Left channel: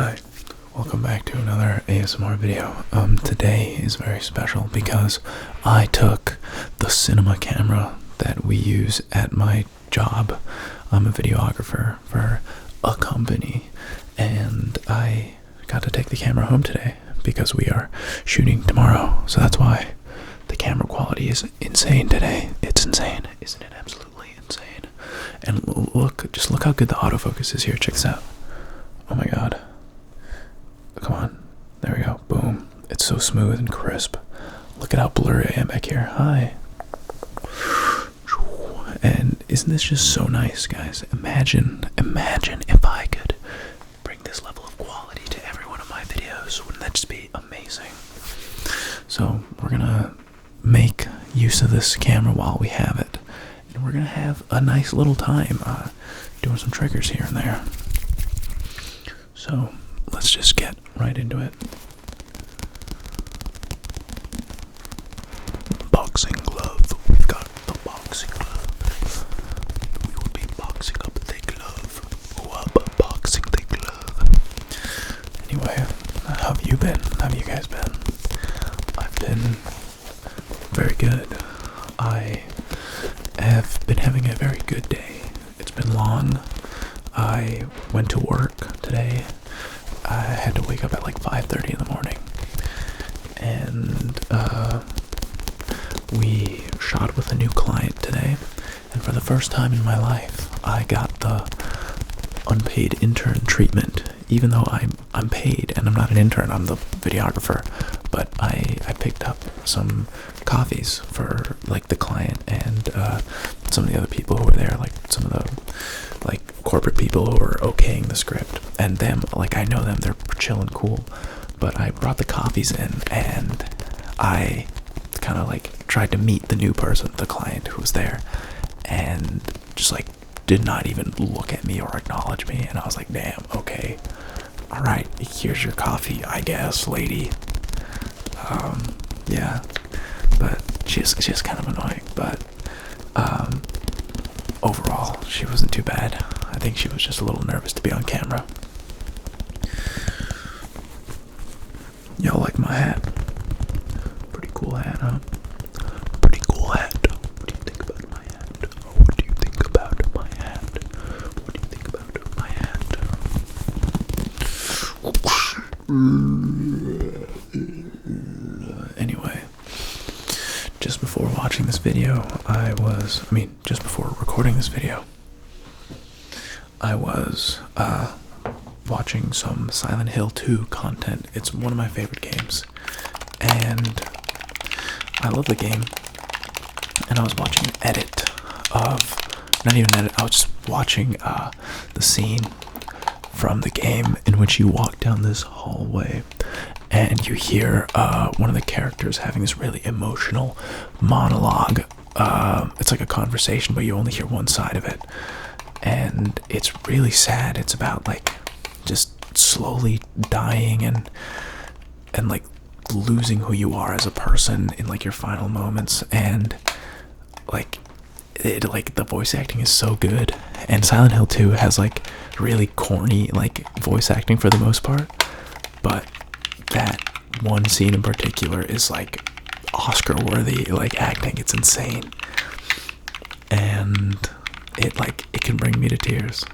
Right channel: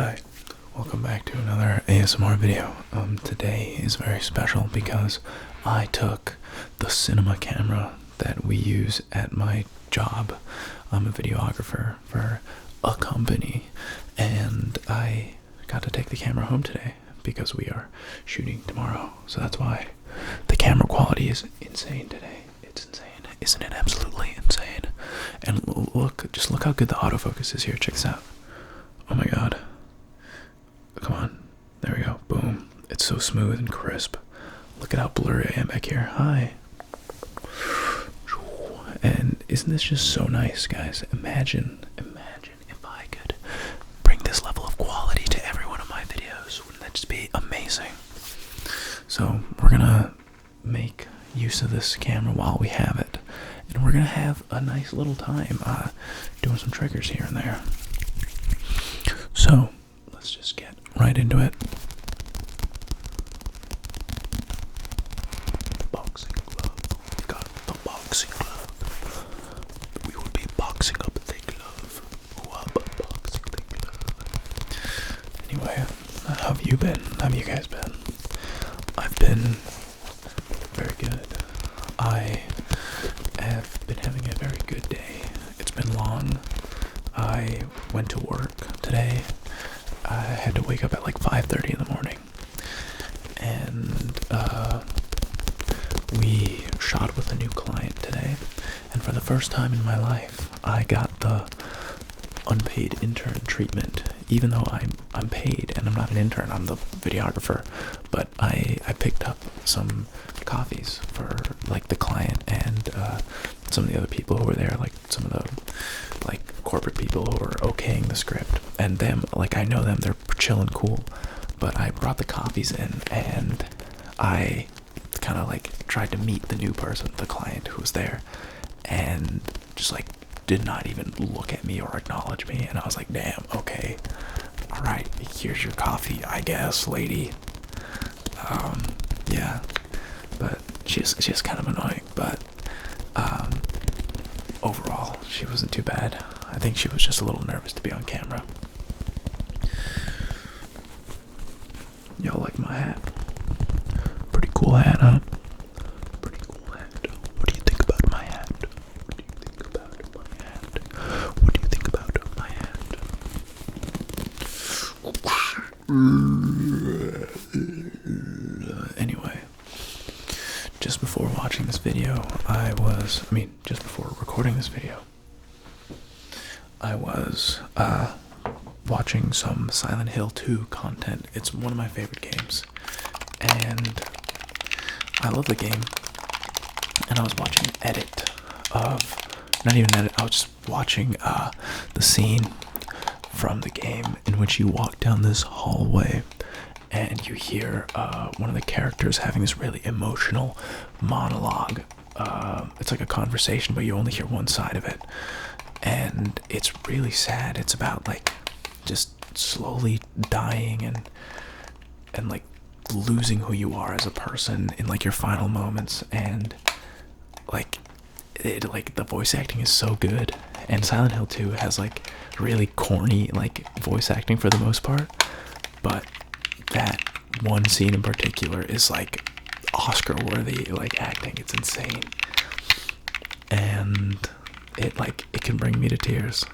Hi, welcome back to another ASMR video. Today is very special because I took the cinema camera that we use at my job. I'm a videographer for a company, and I got to take the camera home today because we are shooting tomorrow. So that's why the camera quality is insane today. It's insane, isn't it? Absolutely insane. And just look how good the autofocus is here. Check this out. Oh my god. Come on. There we go. Boom. It's so smooth and crisp. Look at how blurry I am back here. Hi. And isn't this just so nice, guys? Imagine if I could bring this level of quality to every one of my videos. Wouldn't that just be amazing? So we're gonna make use of this camera while we have it. And we're gonna have a nice little time doing some triggers here and there. So let's just get right into it. Boxing glove. We've got the boxing glove. We will be boxing up the glove. Boxing the glove. Anyway, how have you been? How have you guys been? I've been very good. I have been having a very good day. It's been long. I went to work today. I had to wake up at like 5:30 in the morning, and we shot with a new client today, and for the first time in my life I got the unpaid intern treatment, even though I'm paid and I'm not an intern. I'm the videographer, but I picked up some coffees for like the client and some of the other people who were there, like some of the like corporate people who were okaying the script, and them, like I know them, they're chill and cool, but I brought the coffees in and I kind of like tried to meet the new person, the client who was there, and just like did not even look at me or acknowledge me, and I was like, damn, okay, all right, here's your coffee, I guess, lady. Yeah, but she's kind of annoying, but overall, she wasn't too bad. I think she was just a little nervous to be on camera. Y'all like my hat? Pretty cool hat, huh? Pretty cool hat. What do you think about my hat? What do you think about my hat? What do you think about my hat? Anyway, just before watching this video, just before recording this video, I was watching some Silent Hill 2 content. It's one of my favorite games, and I love the game. And I was watching an edit of, not even an edit, I was just watching the scene from the game in which you walk down this hallway and you hear one of the characters having this really emotional monologue. It's like a conversation, but you only hear one side of it, and it's really sad. It's about like just slowly dying and like losing who you are as a person in like your final moments, and like the voice acting is so good. And Silent Hill 2 has like really corny like voice acting for the most part, but that one scene in particular is like Oscar worthy like acting. It's insane, and it can bring me to tears.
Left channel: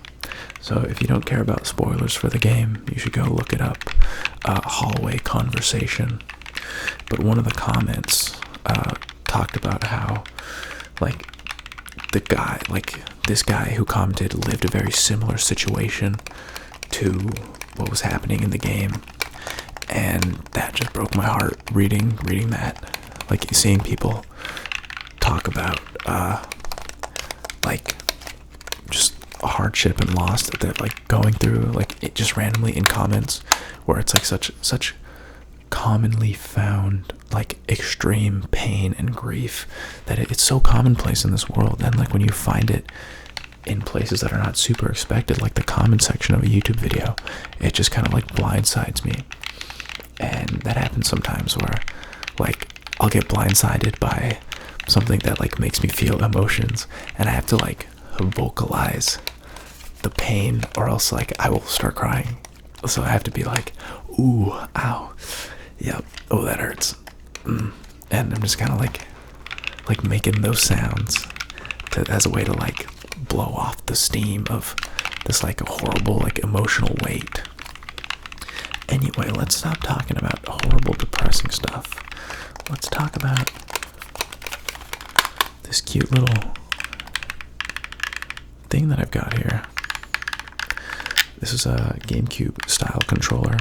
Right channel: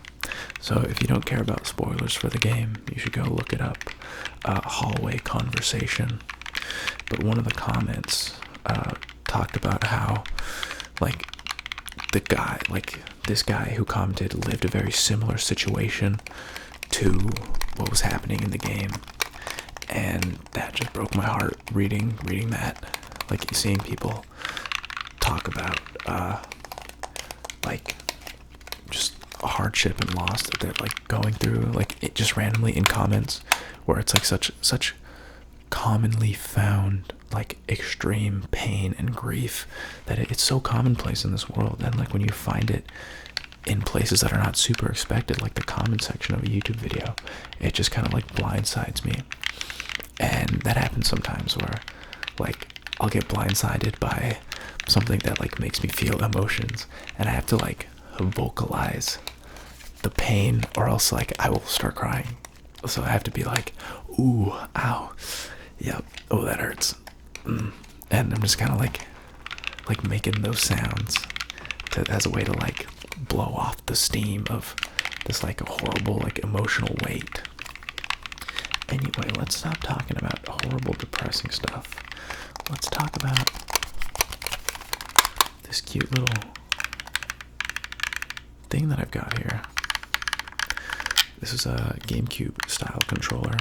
So if you don't care about spoilers for the game, you should go look it up. Hallway conversation. But one of the comments talked about how like this guy who commented lived a very similar situation to what was happening in the game, and that just broke my heart reading that, like seeing people talk about like just hardship and loss that they're like going through, like it just randomly in comments where it's like such commonly found like extreme pain and grief that it's so commonplace in this world, and like when you find it in places that are not super expected, like the comment section of a YouTube video, it just kind of like blindsides me. And that happens sometimes where like I'll get blindsided by something that like makes me feel emotions, and I have to like vocalize the pain, or else like I will start crying. So I have to be like, ooh, ow, yep, oh that hurts, and I'm just kind of like making those sounds as a way to like blow off the steam of this like horrible like emotional weight. Anyway, let's stop talking about horrible depressing stuff. Let's talk about this cute little thing that I've got here. This is a GameCube style controller,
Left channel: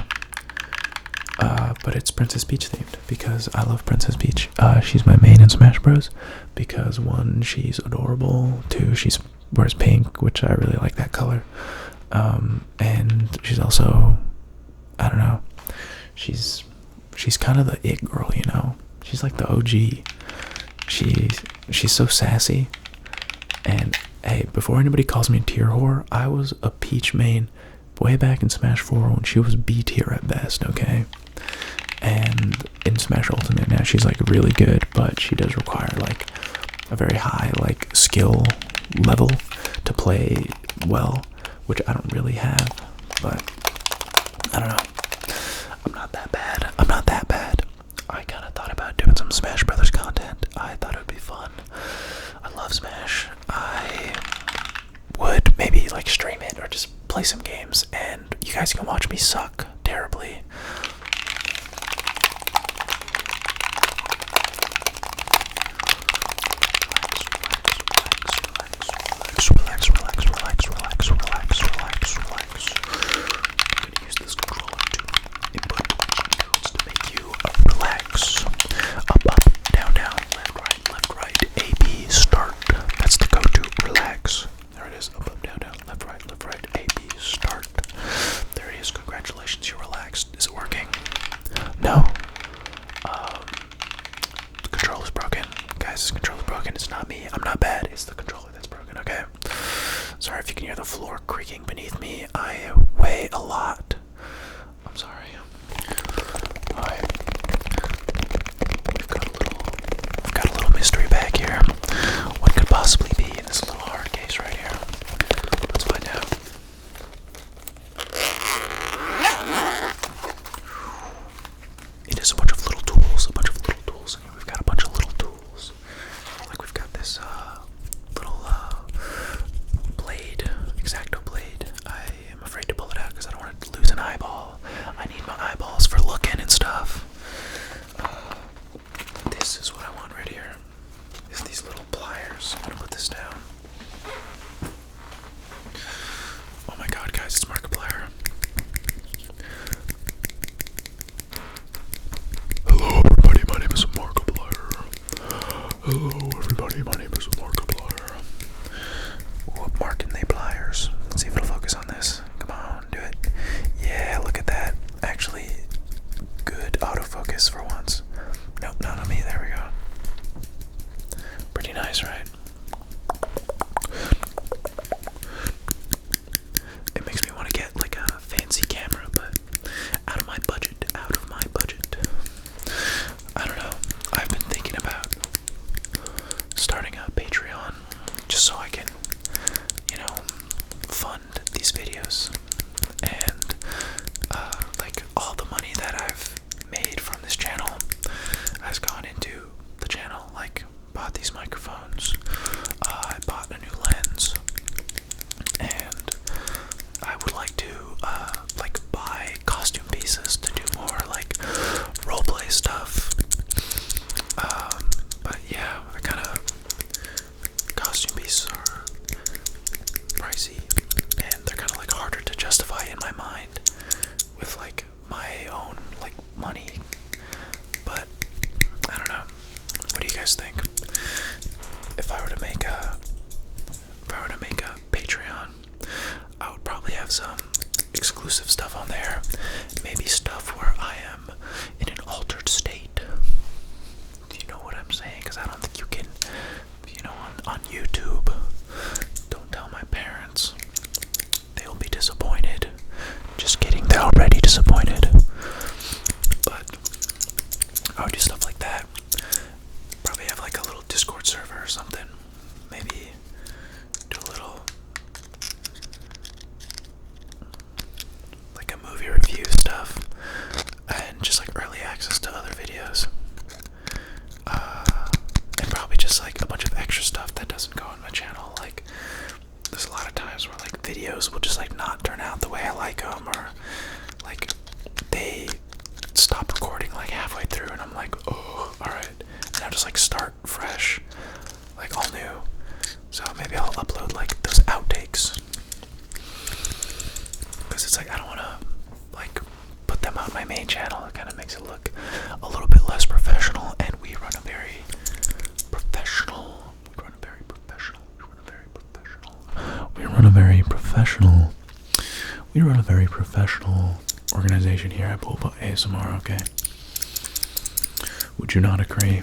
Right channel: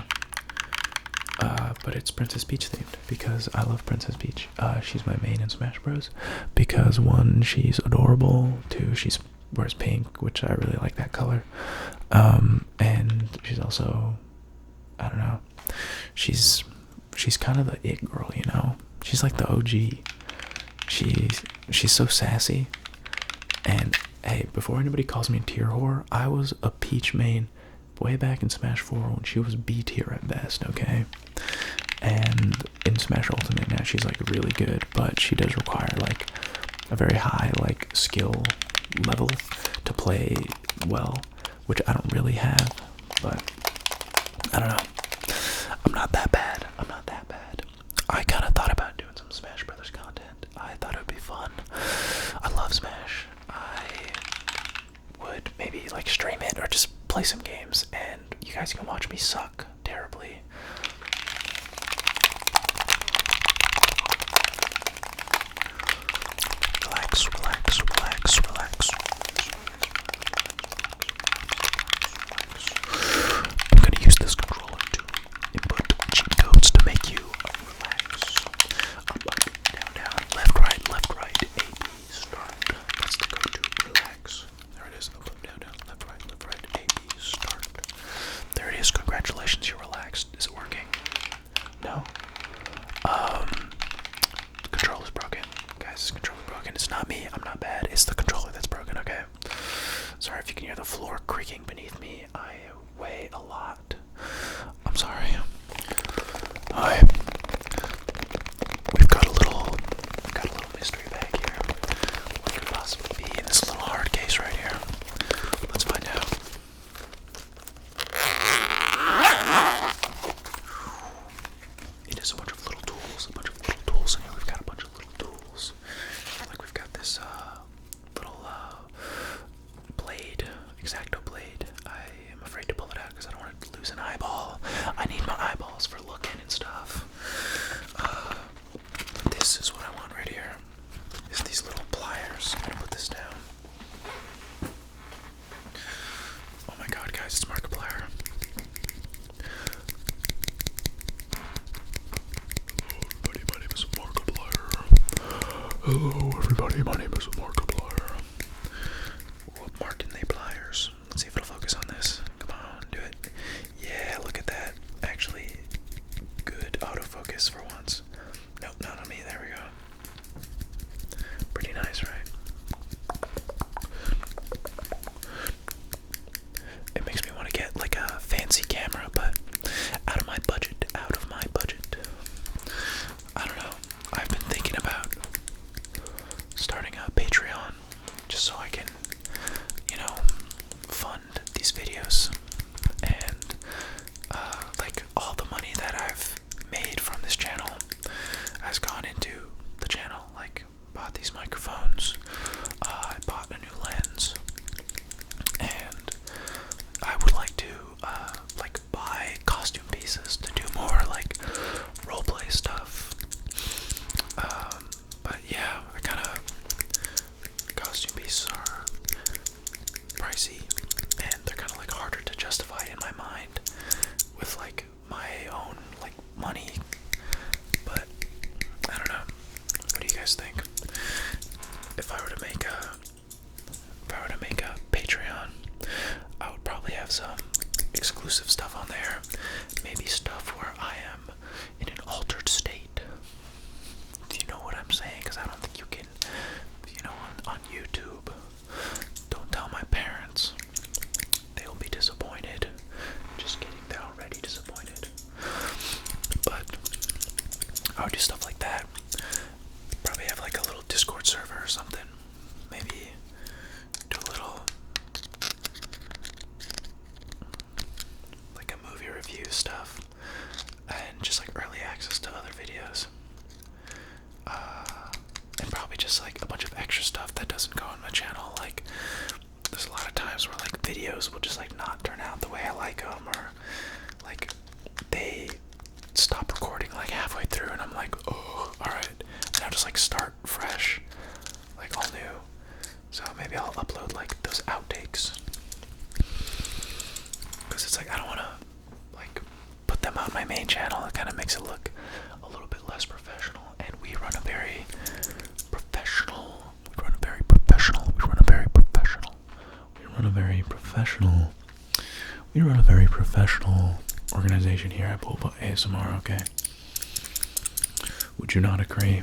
but it's Princess Peach themed because I love Princess Peach. She's my main in Smash Bros. Because 1, she's adorable. 2, she wears pink, which I really like that color. And she's also, I don't know, she's kind of the it girl, you know. She's like the OG. She's so sassy. And hey, before anybody calls me a tier whore, I was a Peach main way back in Smash 4 when she was B tier at best, okay? And in Smash Ultimate now she's like really good, but she does require like a very high like skill level to play well, which I don't really have, but I don't know. I'm not that bad. I kind of thought about doing some Smash Brothers content. I thought it would be fun. I love Smash. I would maybe like stream it or just play some games and you guys can watch me suck terribly. I'm gonna use this controller to input cheat codes to make you relax. Up, down, left, right, A, B, start. That's the code to relax. There it is. Up, down, left, right, A, B, start. There it is. Congratulations, you're relaxed. Is it working? No. The controller's broken. Guys, this controller's broken. It's not me. I'm not bad. It's the controller that's broken, okay? Sorry if you can hear the floor creaking beneath me. I weigh a lot. I'm sorry. We've got a little mystery bag here. What could possibly be in this little hard case right here? Let's find out. It is a bunch of little tools. In here. We've got a bunch of little tools. Like we've got this little blade, X-Acto blade. I am afraid to pull it out because I don't want to lose an eyeball. I need my eyeballs for looking and stuff. This is what I want right here. Is these little pliers. I'm gonna put this down. Oh my god, guys, it's Markiplier. Hello everybody, my name is Markiplier. Hello everybody, my name is Markiplier. What marking they pliers? Let's see if it'll focus on this. Come on, do it. Yeah, look at that. Actually, good autofocus for once. Nope, not on me. There we go. Pretty nice, right? It makes me want to get like a fancy camera, but out of my budget. I don't know. I've been thinking about starting a Patreon just so I can, you know, fund these videos. And like all the money that I've made from this channel has gone into the channel. Like bought these microphones, I bought a new lens, and I would like to like buy costume pieces to do more like roleplay stuff. But yeah, I kind of costume pieces are pricey, and they're kind of like harder to justify in my mind with like my own like money. But I don't know. What do you guys think? If I were to make a Patreon, I would probably have some exclusive stuff on there. Maybe stuff where I am in an altered state. Do you know what I'm saying? Because I don't think you can, you know, on YouTube. Don't tell my parents. They'll be disappointed. Just kidding, they're already disappointed. But I would do stuff like that. Probably have like a little Discord server or something. Maybe do a little like a movie my main channel. It kind of makes it look a little bit less professional, and we run a very professional. We run a very professional. We run a very professional. We run a very professional. We run a very professional organization here at Bulba ASMR. Okay. Would you not agree?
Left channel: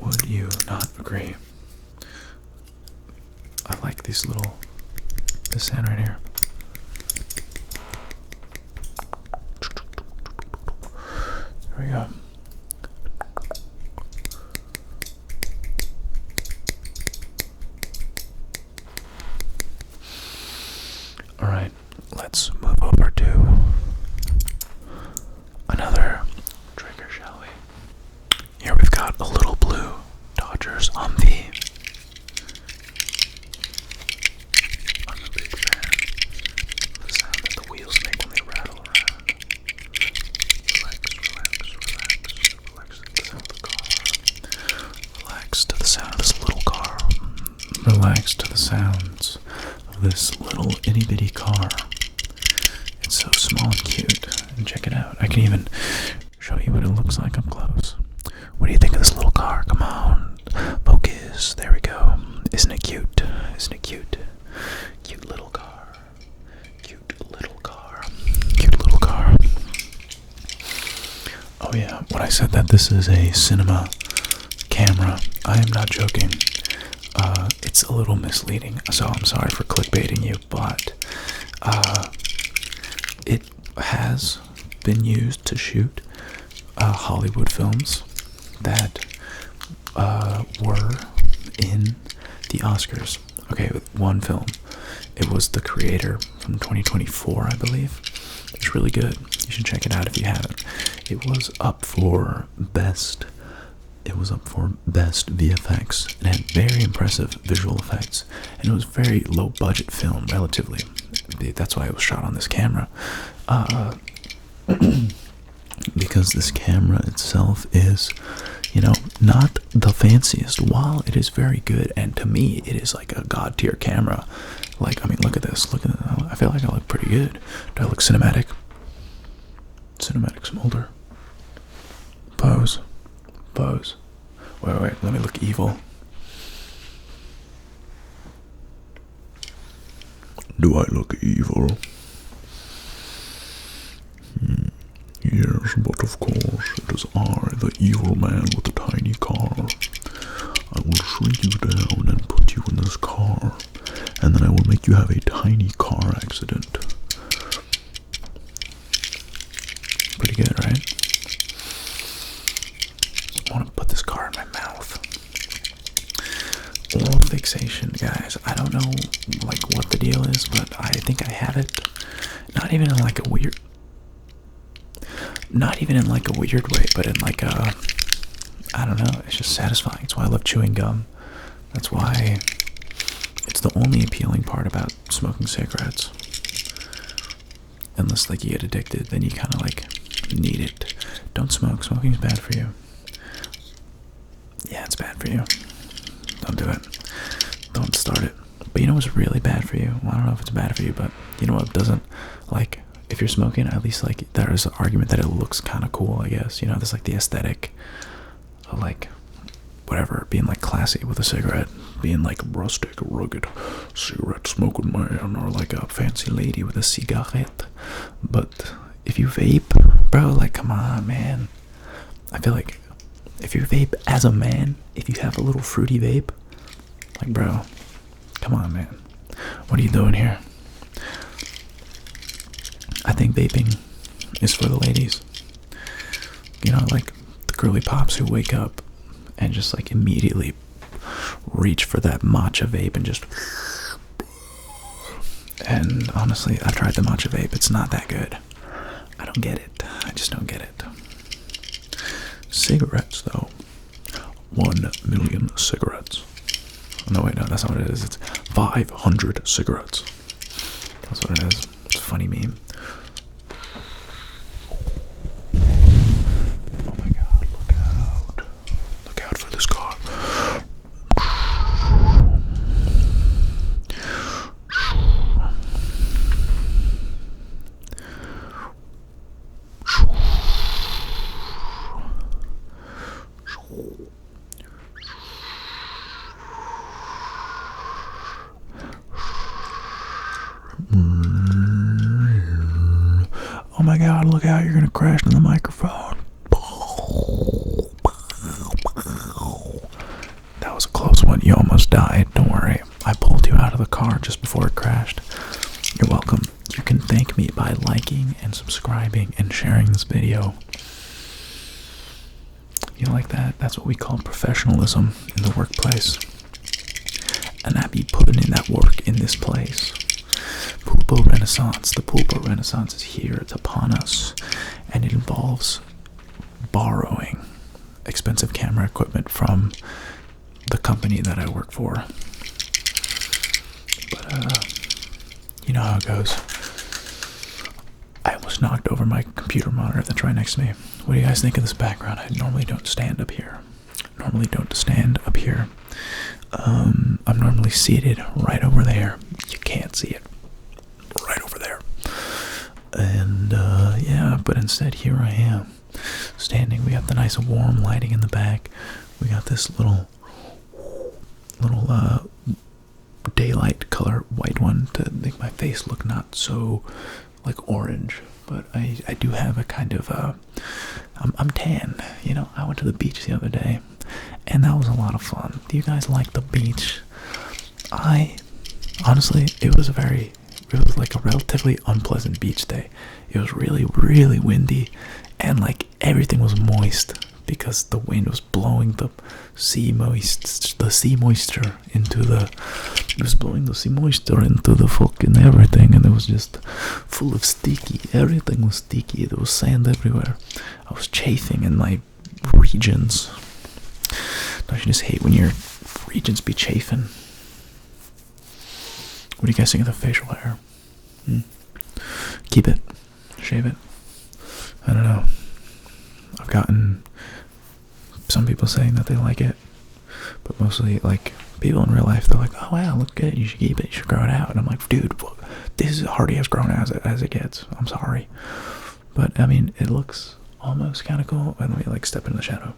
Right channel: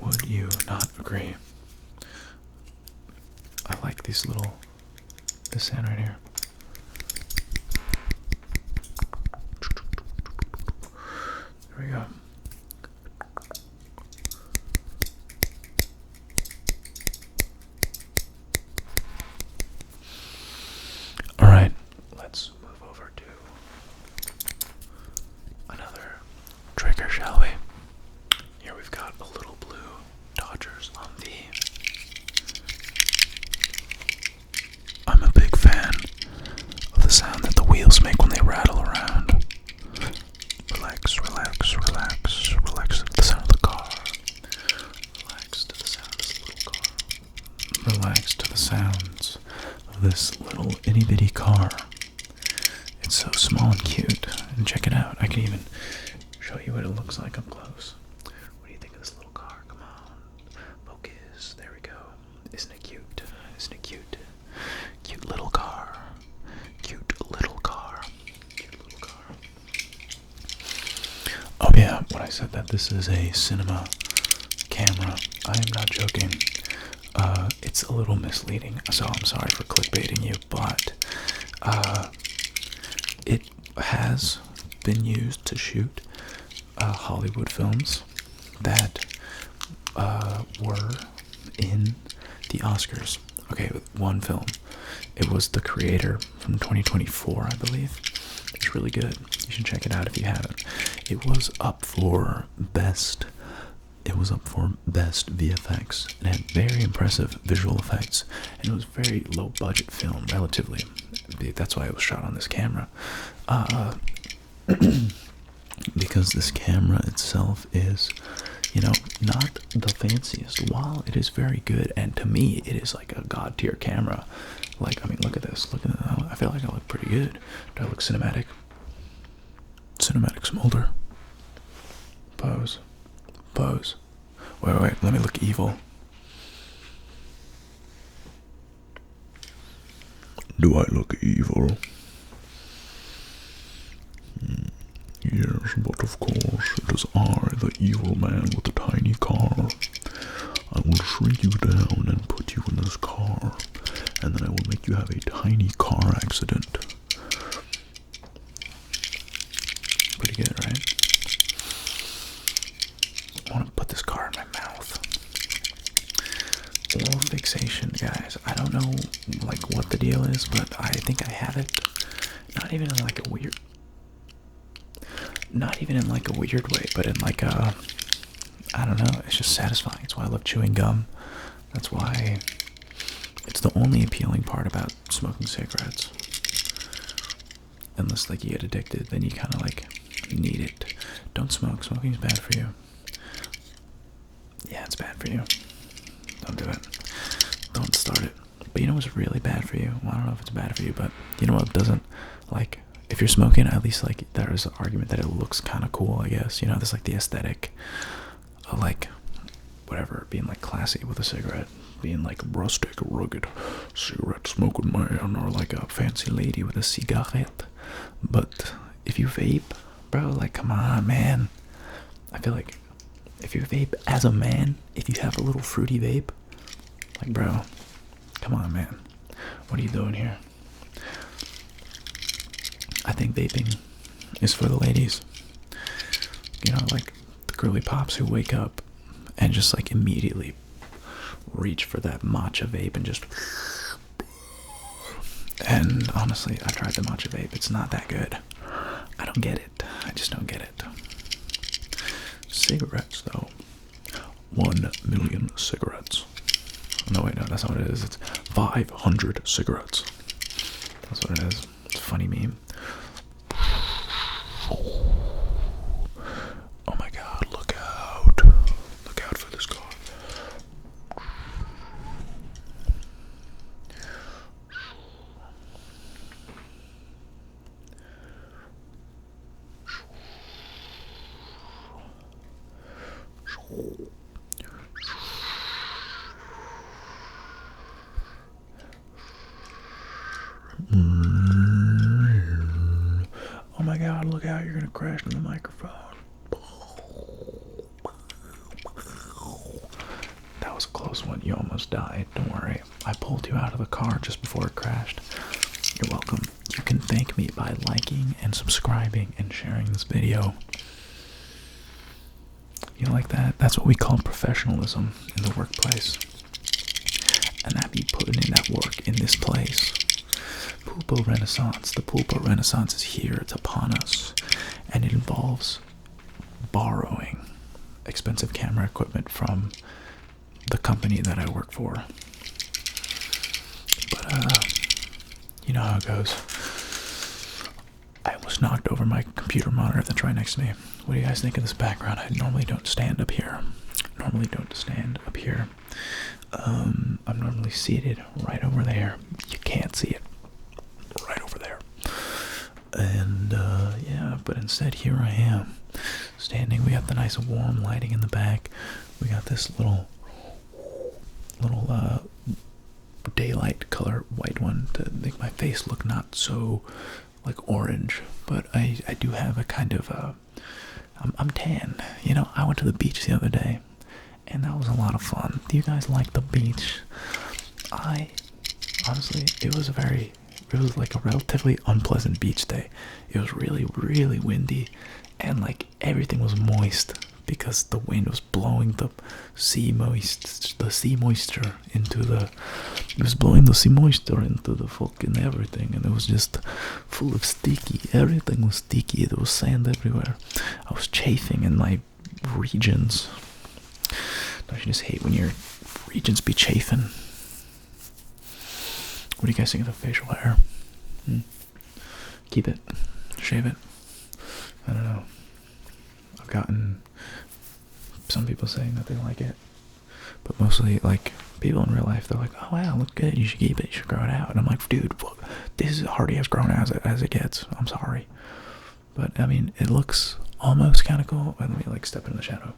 Would you not agree? I like this sound right here. There we go. All right, let's move over to another trigger, shall we? Here we've got a little blue Dodgers Humvee. I'm a big fan of the sound that the wheels make when they rattle around. Relax, relax, relax, relax to the sound of the car. Relax to the sound of this little car. Relax to the sounds of this little itty bitty car. It's so small and cute. And check it out. I can even show you what it looks like up close. What do you think of this little car? Come on. Focus. There we go. Isn't it cute? Isn't it cute? Cute little car. Cute little car. Cute little car. Oh yeah, when I said that this is a cinema camera, I am not joking. It's a little misleading, so I'm sorry for clickbaiting you, but it has been used to shoot Hollywood films that were in the Oscars. Okay, one film. It was The Creator from 2024, I believe. It's really good. You should check it out if you haven't. It was up for best VFX. It had very impressive visual effects, and it was a very low budget film, relatively. That's why it was shot on this camera. Because this camera itself is, not the fanciest, while it is very good, and to me, it is like a god tier camera. Like, I mean, look at this. Look at that. I feel like I look pretty good. Do I look cinematic? Cinematic smolder. Pose. Pose. Wait, let me look evil. Do I look evil? Yes, but of course, it is I, the evil man with the tiny car. I will shrink you down and put you in this car, and then I will make you have a tiny car accident. Pretty good, right? I want to put this car in my mouth. Oral fixation, guys. I don't know, what the deal is, but I think I have it. Not even in a weird way, but in I don't know, it's just satisfying. That's why I love chewing gum. That's why it's the only appealing part about smoking cigarettes. Unless you get addicted, then you kind of need it. Don't smoke. Smoking is bad for you. Yeah, it's bad for you. Don't do it. Don't start it. But you know what's really bad for you? Well, I don't know if it's bad for you, but you know what doesn't? If you're smoking, at least there is an argument that it looks kind of cool, I guess. There's the aesthetic of whatever, being classy with a cigarette, being rustic, rugged cigarette smoking man, or a fancy lady with a cigarette. But if you vape, bro, come on, man. I feel like if you vape as a man, if you have a little fruity vape, bro, come on, man. What are you doing here? I think vaping is for the ladies. The girly pops who wake up and just immediately reach for that matcha vape and just. And honestly, I've tried the matcha vape. It's not that good. I don't get it. I just don't get it. Cigarettes, though. 1 million cigarettes. No, wait, no, that's not what it is. It's 500 cigarettes. That's what it is. It's a funny meme. Oh my god, look out. Look out for this car. Oh my god, look out, you're gonna crash into the microphone. That was a close one. You almost died. Don't worry. I pulled you out of the car just before it crashed. You're welcome. You can thank me by liking and subscribing and sharing this video. You like that? That's what we call professionalism in the workplace. And I be putting in that work in this place. Pool boat renaissance. The pool boat renaissance is here. It's upon us. And it involves borrowing expensive camera equipment from the company that I work for. But, you know how it goes. I almost knocked over my computer monitor that's right next to me. What do you guys think of this background? I normally don't stand up here. I'm normally seated right over there. You can't see it. Right over there. And, yeah, but instead here I am. Standing. We got the nice warm lighting in the back. We got this little daylight color white one to make my face look not so like orange, but I do have a kind of I'm tan. You know, I went to the beach the other day and that was a lot of fun. Do you guys like the beach? Honestly, it was like a relatively unpleasant beach day. It was really, really windy and like everything was moist because the wind was blowing the sea moisture into the fucking everything, and it was just full of sticky. Everything was sticky. There was sand everywhere. I was chafing in my regions. Don't you just hate when your regions be chafing? What do you guys think of the facial hair? Keep it? Shave it? I don't know. I've gotten some people saying that they like it, but mostly like people in real life, they're like, oh wow, look good, you should keep it, you should grow it out. And I'm like, dude, this is hardly as grown as it gets. I'm sorry, but I mean, it looks almost kind of cool. Let me like step in the shadow.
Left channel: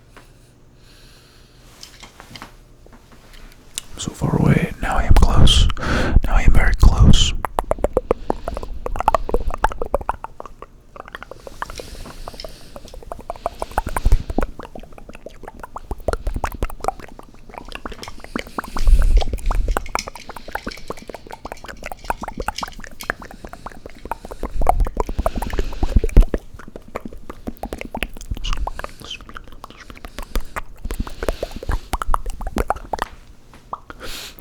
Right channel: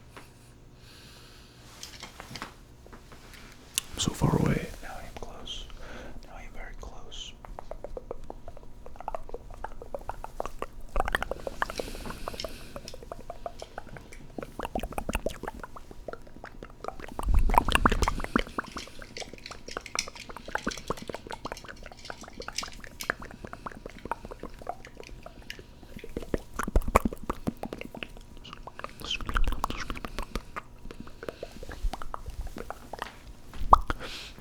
So far away. Now I am close. Now I am very close.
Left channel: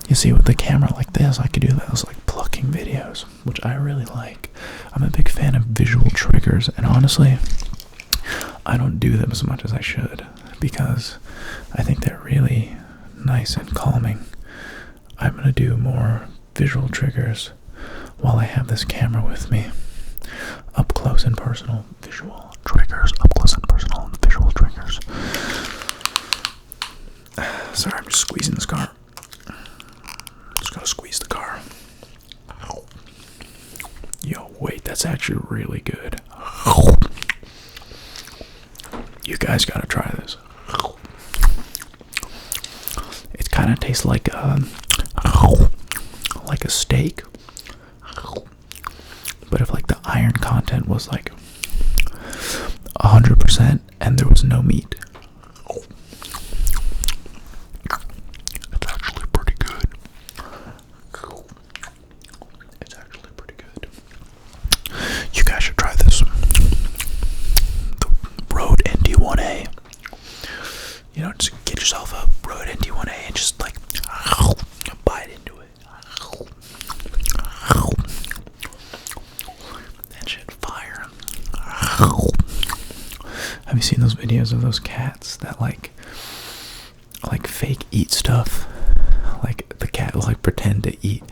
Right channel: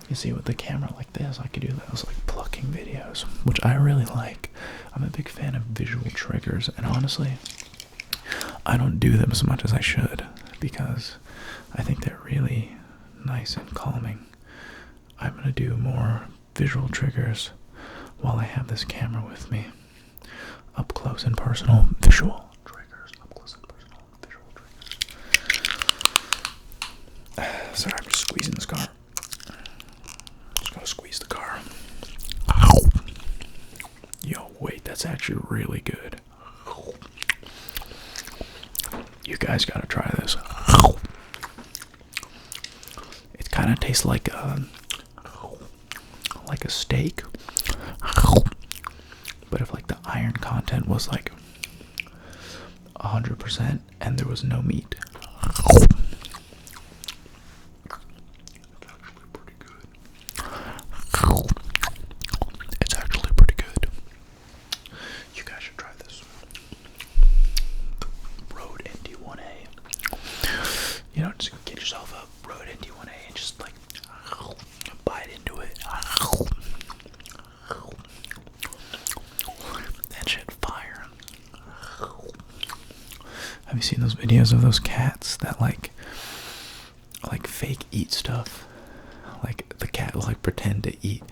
You see, with the camera like this, I could do those like plucking videos, which I really like. I'm a big fan of visual triggers, and honestly, I don't do them as much as I should because I think they're really nice and calming. I'm gonna do more visual triggers while I have this camera with me. Up close and personal visual triggers. Up close and personal visual triggers. Sorry, I'm just squeezing this car. Just gonna squeeze the car. Yo, wait, that's actually really good. You guys gotta try this. It kind of tastes like a steak, but if like the iron content was like 100% and there was no meat. It's actually pretty good. It's actually pretty good. You guys should try this. The Rode NT1A. You know, just get yourself a Rode NT1A and just like bite into it. That shit fire. Have you seen those videos of those cats that like fake eat stuff? Like the cat will like pretend to eat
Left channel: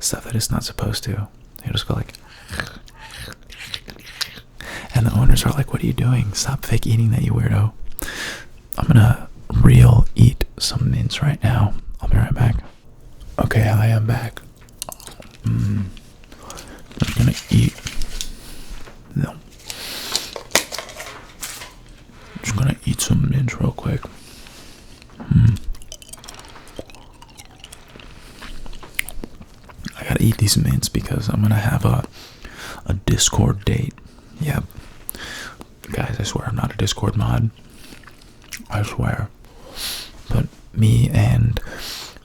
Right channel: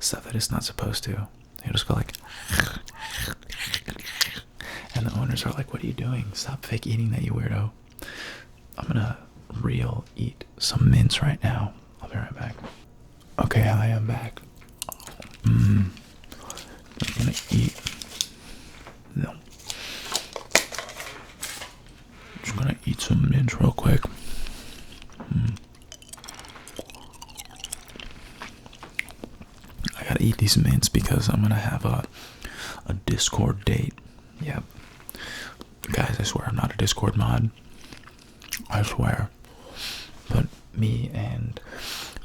stuff that it's not supposed to. They just go like, and the owners are like, what are you doing? Stop fake eating that, you weirdo. I'm gonna real eat some mints right now. I'll be right back. Okay, I am back. I'm gonna eat. No. I'm just gonna eat some mints real quick. these mints because I'm gonna have a Discord date. Yep. Guys, I swear I'm not a Discord mod. I swear. But me and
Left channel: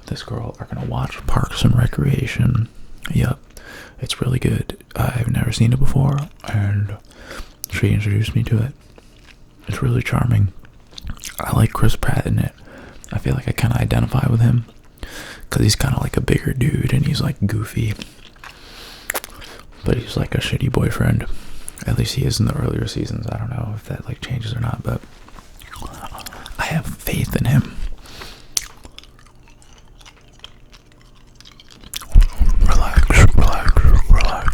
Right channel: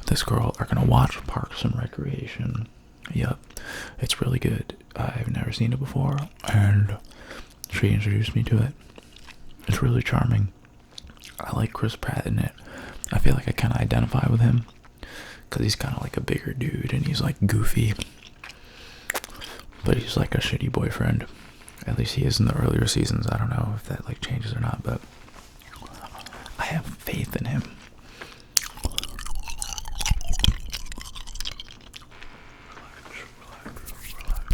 this girl are gonna watch Parks and Recreation. Yep. It's really good. I've never seen it before, and she introduced me to it. It's really charming. I like Chris Pratt in it. I feel like I kind of identify with him because he's kind of like a bigger dude and he's like goofy, but he's like a shitty boyfriend. At least he is in the earlier seasons. I don't know if that like changes or not, but I have faith in him. Relax, relax, relax,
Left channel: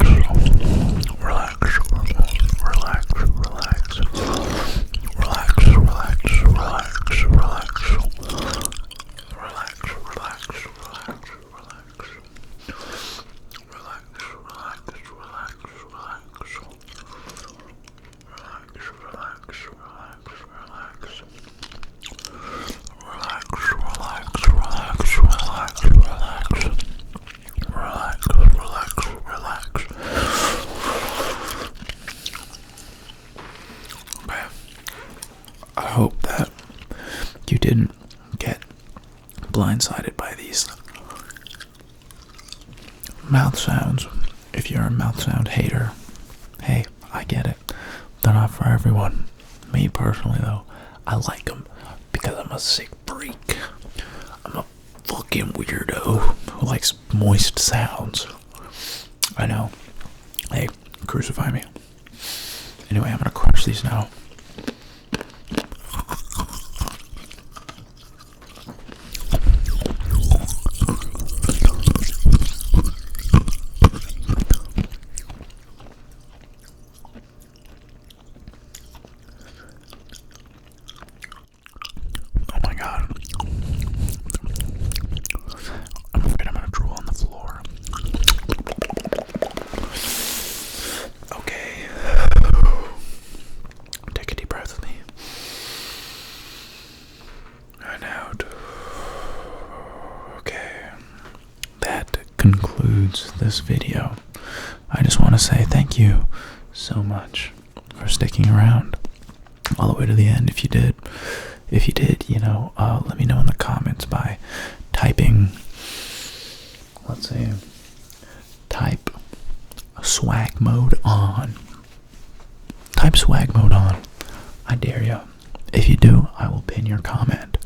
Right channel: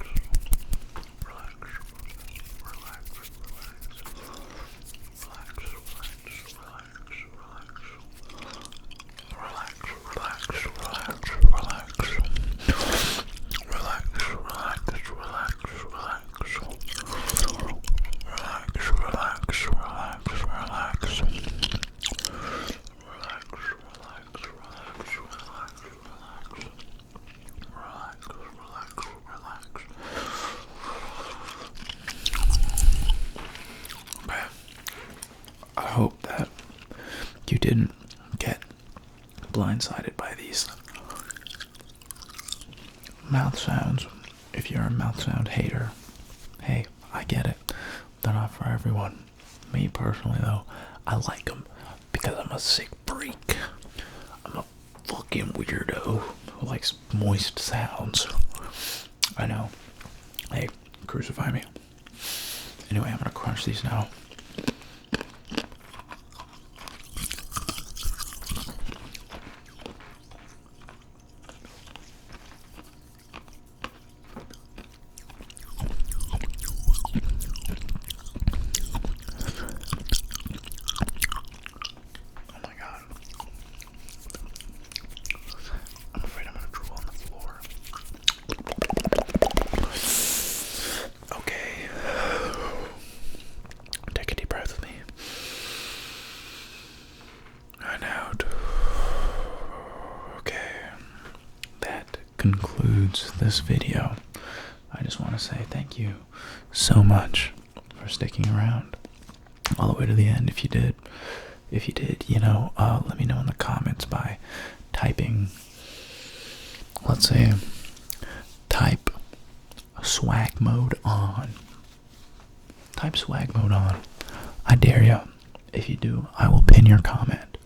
relax, relax, relax, relax, relax, relax, relax, relax, I hope that you didn't get blindsided by these mouth sounds. If you're a mouth sound hater, hey, I get it. They're not for everyone. Me personally, though, I like them because I'm a sick freak. I'm a fucking weirdo who likes moist sounds. I know. Hey, crucify me. Anyway, I'm gonna crunch these now. Concludes this video. I just want to say thank you so much for sticking around all the way to the end. If you did, you know, let me know in the comments by typing, let's see, type swag mode on. Type swag mode on. I dare you. If you do, I will pin your comment.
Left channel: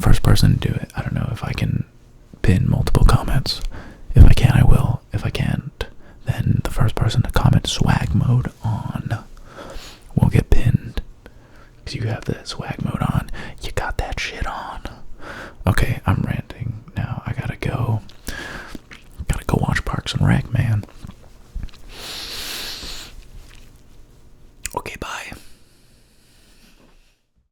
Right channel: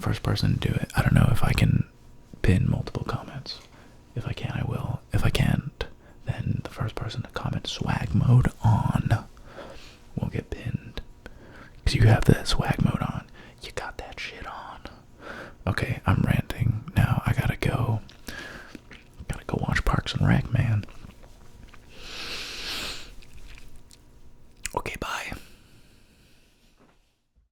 First person to do it. I don't know if I can pin multiple comments. If I can, I will. If I can't, then the first person to comment swag mode